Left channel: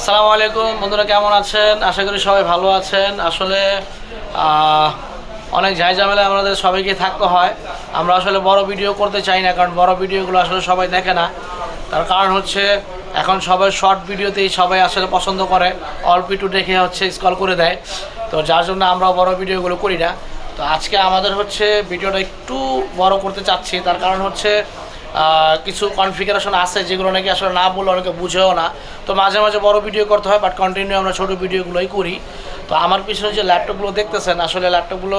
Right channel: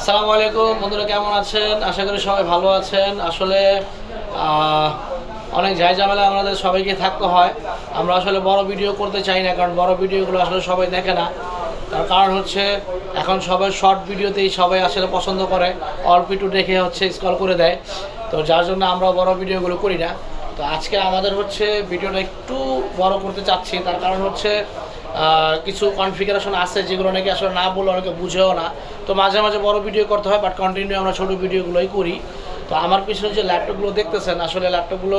আসসালামু আলাইকুম বন্ধুরা, কেমন আছেন? আশা করি সবাই ভালো আছেন। আসলে অনেক ঝামেলা আমাদের সবাইকে থাকতে হয়। আমরা আসলে বড় ভিডিও করতে চাই না, কারণ বড় ভিডিওগুলো আসলে সবাই দেখে না। তার কারণ হচ্ছে এখন সবাই শর্ট ভিডিওতেই সবাই আসলে পছন্দ করে, অল্প একটু দেখে হচ্ছে স্ক্রল করে দেয়। তো যার জন্য আমরা বড় ভিডিওগুলো করি না। তো আজকে আমাদের হচ্ছে ভিডিওটা একটু বড় করতে চাচ্ছি। তার কারণ হচ্ছে কিছু কনফিগারেশন আছে যেগুলো নাকি আসলে না বললে অনেকে বুঝেও না। তো মাঝে মাঝে বড় ভিডিও করতে হয়, বাট কন্টিনিউ আমরা ছোটো ভিডিওগুলোই করি। তো আমার পিছনে যে ল্যাপটপগুলো দেখতেছেন, আসলে ল্যাপটপগুলো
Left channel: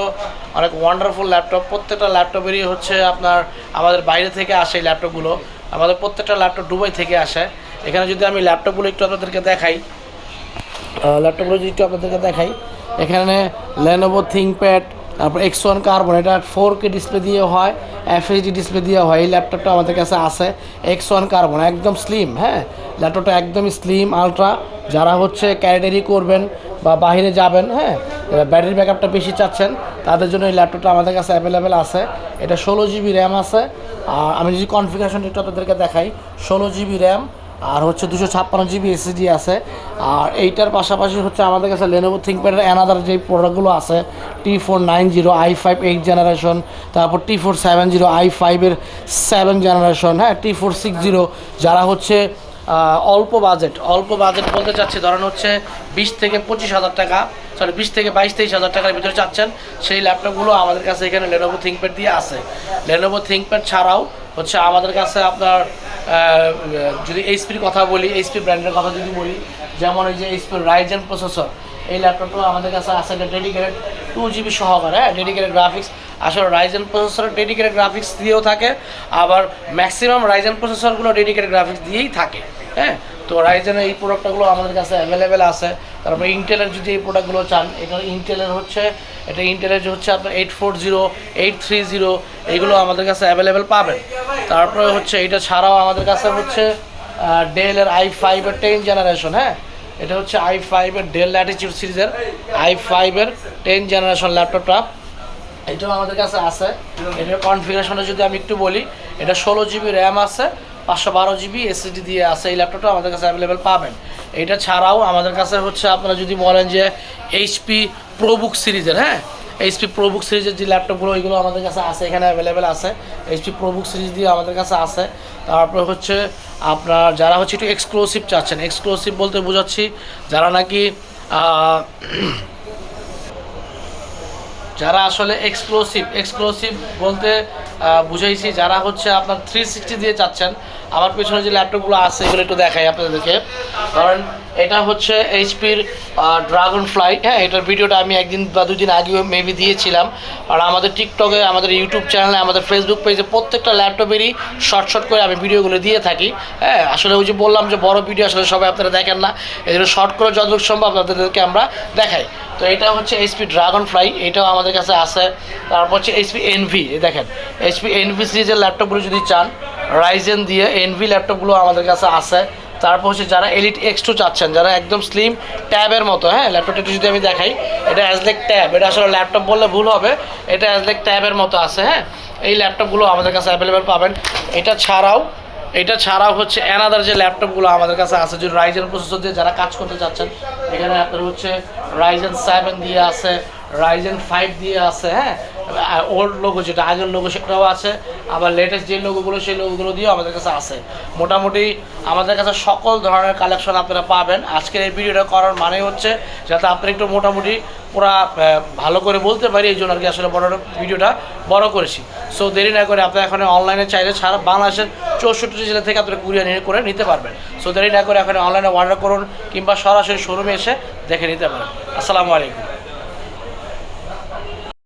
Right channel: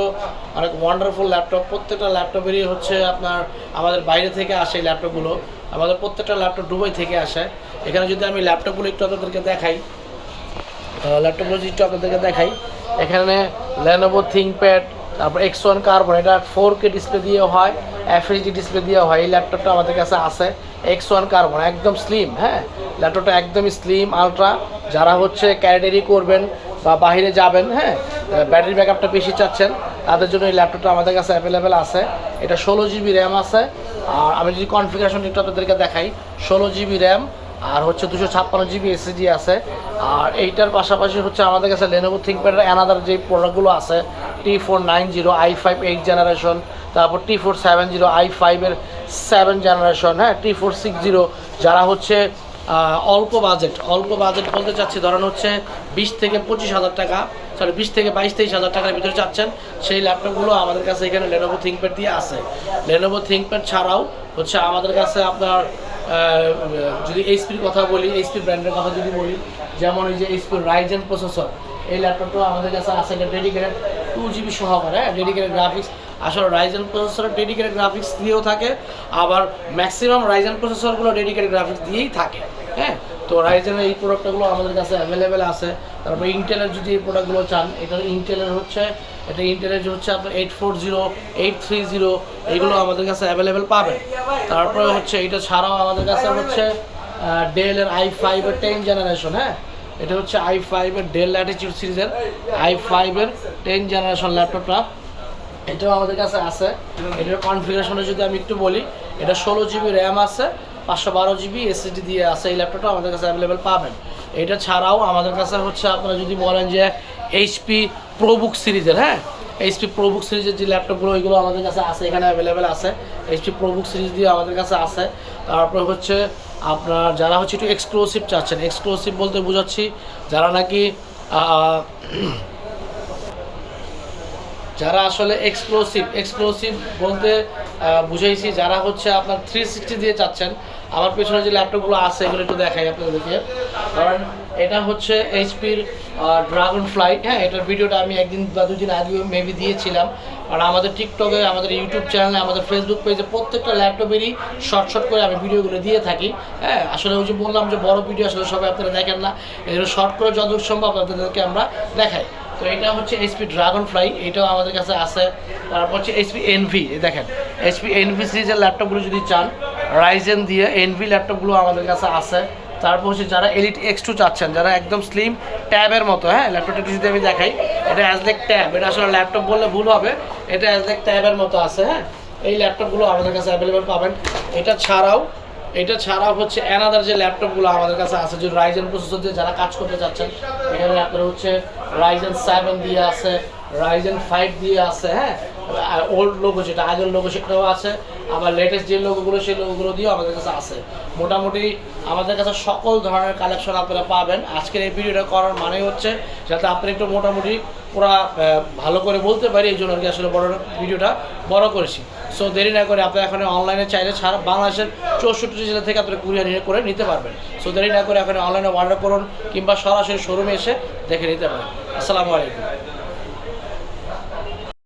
অনেক ওয়ান্ডারফুল ল্যাপটপ। প্রত্যেকটা ল্যাপটপেরই হচ্ছে আপনার আমাদের বাইরে থেকে আসে এই ল্যাপটপগুলো। আমাদের প্রত্যেকটা ল্যাপটপ দুবাই থেকে আসে। এখানে যদি আমি ল্যাপটপগুলো একটু আপনাদেরকে দেখাই, এখানে Lenovo ThinkPad, তারপর X1 কার্বন, এটা 4K ডিসপ্লে দিয়ে হয়, FHD ডিসপ্লে দিয়ে হয়। এই ল্যাপটপটা আমাদের কাছে আছে X1 কার্বন, একদম স্লিম। হ্যাঁ, ল্যাপটপটা একদমই স্লিম আলট্রা। যারা হচ্ছে ক্যারি করবেন বা বাইরে যাবেন, হ্যাঁ, ব্যাটারি ব্যাকআপটা বেশি চাচ্ছেন, তাদের জন্য এই ল্যাপটপটা আমাদের কাছে অ্যাভেলেবেল আছে। এটা 16GB র্যাম আছে। আর আমি যদি কনফিগারেশনটা একটু আপনাদেরকে দেখাই, 16GB র্যাম আর হচ্ছে 256GB SSD আছে। আর এইটার পাশাপাশি হচ্ছে আমাদের কাছে Lenovo ThinkPad অ্যানাদার যে প্রোডাক্টগুলো আছে, T490 i5 8 জেনারেশন, তারপর T470 i5 এর 7 জেনারেশন, হ্যাঁ, T460। যারা হচ্ছে অল্প বাজেট বলতে চাচ্ছি, ধরেন হচ্ছে 20 থেকে 25,000 টাকা, 20 থেকে 22-23,000 টাকার ভিতরে চাচ্ছেন, সেই ল্যাপটপগুলো আমাদের কাছে এখানে Lenovo ThinkPad দিয়ে আছে। Lenovo ThinkPad ছাড়াও হচ্ছে আমাদের কাছে আপনার যদি এইচপির কথা বলি, এইচপি ব্র্যান্ডের কথা যদি বলি, যেমন এই যে এইচপি Ryzen প্রসেসর, এই ল্যাপটপটাও আমাদের কাছে আছে। এটা ডেডিকেটেড 2GB সহকারে, হ্যাঁ, ডেডিকেটেড গ্রাফিক্স। আসলে Ryzen প্রসেসরের ডেডিকেটেড গ্রাফিক্স দিয়েও থাকে, আবার ম্যাক্সিমাম Ryzen প্রসেসরগুলো ডেডিকেটেড গ্রাফিক্স দিয়েই থাকে। হ্যাঁ, তো রাইজেনের এই প্রোডাক্টগুলো আমাদের কাছে অ্যাভেলেবেল আছে। তারপরে ইন্টেলের যদি এই প্রোডাক্টগুলো চান, এটা ইন্টেলের হচ্ছে আপনার 840, 830, এইগুলো আমাদের কাছে অ্যাভেলেবেল পাবেন। তারপরে হচ্ছে এটা ছাড়াও আমাদের কাছে হচ্ছে ডেলের i5 এর 10 জেনারেশন, হ্যাঁ, এটা হচ্ছে i5 এর ডেল ল্যাটিটিউড সিরিজের i5 এর 10 জেনারেশন ল্যাপটপটা, এটাও আমাদের কাছে আছে। এটার কনফিগারেশনটা যদি আমি একটু বলি, এটা 16GB র্যাম আছে, 512GB SSD দিয়ে আছে। এই ল্যাপটপটা আমাদের কাছে অ্যাভেলেবেল পাবেন। এটা ছাড়াও আমাদের কাছে হচ্ছে আপনারা যদি বলেন যে HP ProBook সিরিজের, হ্যাঁ, HP ProBook সিরিজের যে ল্যাপটপগুলো, ওইগুলো আমাদের কাছে আছে, এখানে অ্যাভেলেবেল আছে। HP ProBook সিরিজ দিয়ে আমাদের কাছে আছে। তারপর হচ্ছে আপনার যারা হচ্ছে একটু এক্সক্লুসিভ চাচ্ছেন, এক্সক্লুসিভ বলতে বোঝাচ্ছি যারা নাকি যারা আসলে এক্সক্লুসিভ বলতে বুঝাইছি, যারা হচ্ছে আপনার 360 দিয়ে চাচ্ছেন। আমার পেছনে যে ল্যাপটপগুলো আছে এগুলো একটু দেখাই আপনাদেরকে। কারণ এটা হচ্ছে এইচপির ড্রাগন ফ্লাই, হ্যাঁ, এটার ভিডিওটা আমি একদিন বা দুদিন আগেও মেবি দিয়েছিলাম। আর আমাদের টিকটকে, আমাদের ইউটিউব চ্যানেলে, আমাদের ফেসবুক পেজে প্রত্যেকটা ল্যাপটপেরই শর্ট করে আমি ভিডিওগুলো দিয়ে থাকি। হ্যাঁ, আসলে ওই যে বললাম যে বড় ভিডিও আসলে সবাই আপনারা দেখেন না, এই জন্য শর্ট করে যতটুকু সম্ভব আপনাদেরকে আমরা দেখাই। তো এটা হচ্ছে এইচপি ড্রাগন ফ্লাই, এটাও আমাদের কাছে আছে। তারপর হচ্ছে এইচপি এনভি, দেখেন এইচপি এনভি সিরিজের ল্যাপটপগুলো যদি চান, রাইজেন দিয়ে এনভি ল্যাপটপগুলো আমাদের কাছে আছে। তারপর হচ্ছে যারা এলিট X2 চাচ্ছেন, যারা একদম স্লিম ট্যাবের মতো, হ্যাঁ, ল্যাপটপটা একটু যদি আমি দেখাই, এটা অ্যাজলেক ট্যাব, এটা আসলে ল্যাপটপ বললে ভুল হবে, এটা অ্যাজলেক ট্যাবের মতো আছে। হ্যাঁ, এই ল্যাপটপগুলো আমাদের কাছে অ্যাভেলেবেল পাবেন। এটা ছাড়াও হচ্ছে অ্যানাদার যে ল্যাপটপগুলো আমাদের কাছে আছে, যে রাইজেন প্রসেসর দিয়ে যারা কাজ করতে চাচ্ছেন, এখানে আপনার হচ্ছে Ryzen 7 দিয়ে আছে, Ryzen 5 দিয়ে আছে, হ্যাঁ, ওল্ড লোগো যেটা আগের লোগো সেটাও আছে, আবার লেটেস্ট যে লোগোগুলো সেই লোগোগুলো দিয়েও আমাদের কাছে আছে। মোটামুটি আমাদের কাছে সকল ধরনের কালেকশন আপনারা পাবেন। আজকের এই ভিডিওটা করার মানে হচ্ছে যাতে আপনারা একটু মোটামুটি পুরা ভালো করে বলতে পারি, এই জন্য আর কি আসলে ভিডিওটা বড় করেছি। সো দেরি না করে আপনারা এখন অনলাইনে চাইলে সারা বাংলাদেশের 64 জেলা থেকে আপনারা কুরিয়ার করে নিতে পারবেন। সো দেরি না করে এখন অনলাইনে অর্ডার করুন, কিংবা সরাসরি শোরুমে এসে দেখে নিতে পারেন। আসসালামু আলাইকুম।